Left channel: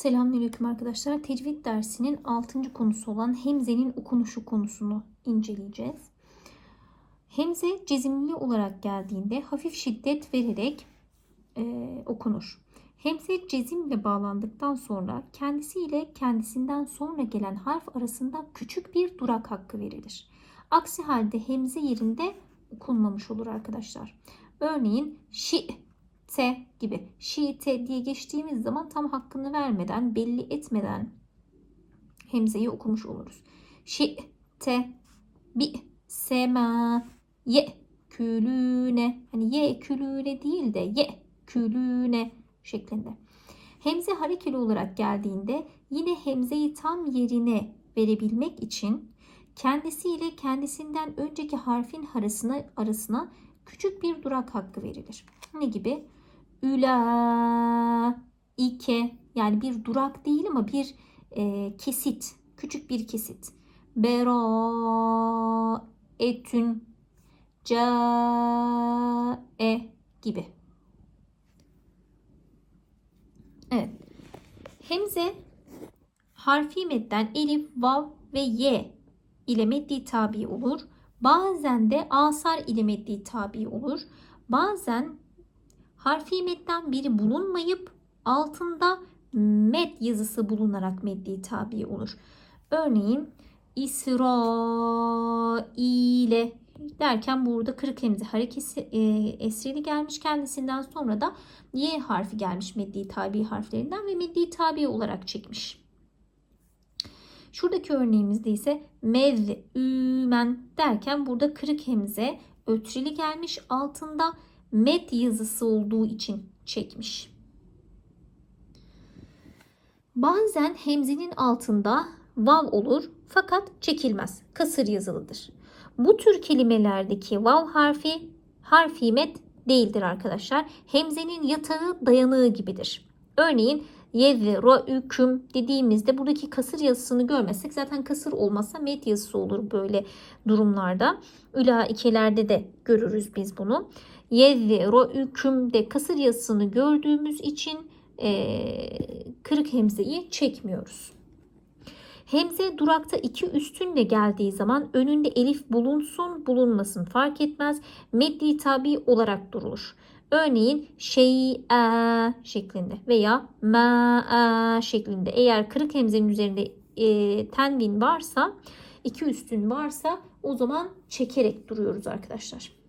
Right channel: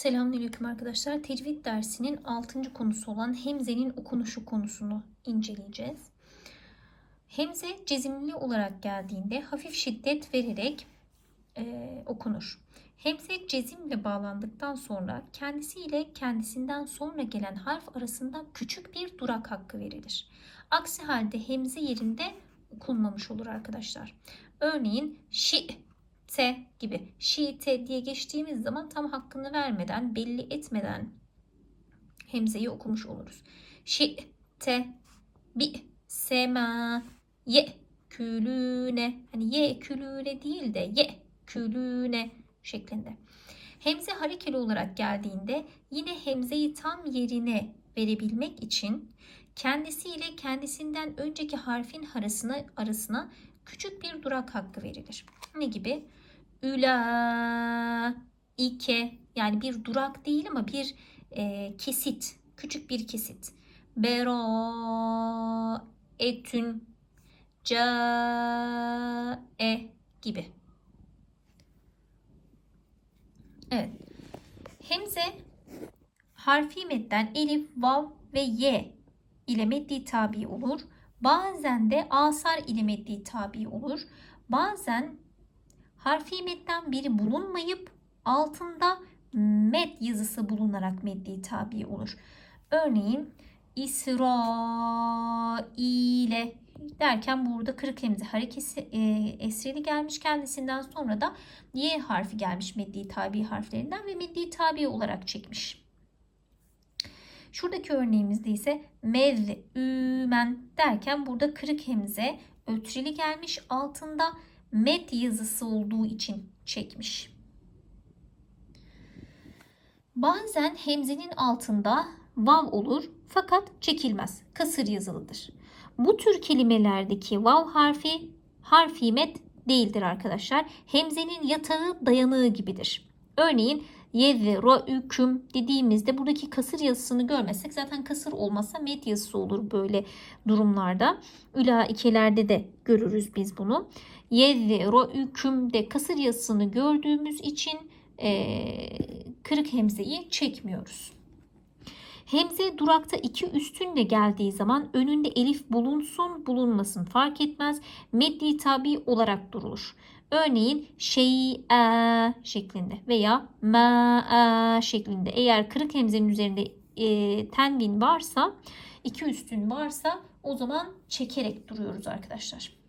Selamünaleyküm arkadaşlar. Tecvid dersinin 6. konusu olan hemzenin okunuşu konusunu inceleyeceğiz. Hemze cezimli olarak geldiğinde hafif şiddet vererek e, okunur. Hemze cezimle bağlandıktan sonra kendisiyle kendisinden sonra gelen harf arasında küçük bir durak hakkı verilir. Aksi halde hemze yerinde okunmamış olur arkadaşlar. Örneğin şi te gibi şiite diye geçtiğimiz zaman tam hakkını vermeden, belli etmeden hemzeyi okumuş oluruz. Şi te bi sema ye külüne hani ye külüne değil de ye külüne şeklinde. Hemze harekeli olarak geldiğinde yine hemzeyi tam yerine verebilmek için kendisiyle kendisinden önceki harfin arasına, arasına küçük bir durak hakkı verilir. Ne gibi? Üla, ike yani bir durak değil ama bir e, kesit, küçük bir kesit. Bera, etün, ca, e gibi. Evet. Hemze harfi medden elif, vav ve ye ile meddi tabi olur. Bazen de asar ile meddi tabi olur. Bazen harfi medden biri bulunmayıp altında med yazısı bulunarak meddi tabi olur. Örneğin İsrail'e derken burada kırık hemze harekesi e, esrili gelmiş kendisinden sonra da y harfi gelmiş meddi tabi harflerinden ve meddi tabi olarak çekmiş. Şuradaki örneğimizde ise mez'ümen derken burada kırık hemze ötrili gelmiş altında met yazısı olduğu için çekmiş. Bazen hemzenin altında vav olur fakat çekilmez. Kasır yazılıdır. Bu tür kelimelerdeki vav harfi harfi met değildir arkadaşlar. Hemzenin yatağı dayanığı gibidir. Örneğin yevve ra'üküm dediğimizde buradaki kasır yazısını görmezsek zaten kasır olmazsa met yazısı olur böyle durumlarda. Ülaikelerde de görürüz biz bunu. Yevve ra'ükümde kasır yazısını gördüğümüz için e, kırık hemzeyi çekmiyoruz. Hemze durakta iki üstünle geldiği zaman önünde elif bulunsun bulunmasın fark etmez. Meddi tabi olarak durur. Örneğin şey'e şeklinde veya ma'e şeklinde. Eğer kırık hemzenin üzerinde e, tenvin varsa, iki üstün varsa o zaman çekerek duruyoruz arkadaşlar.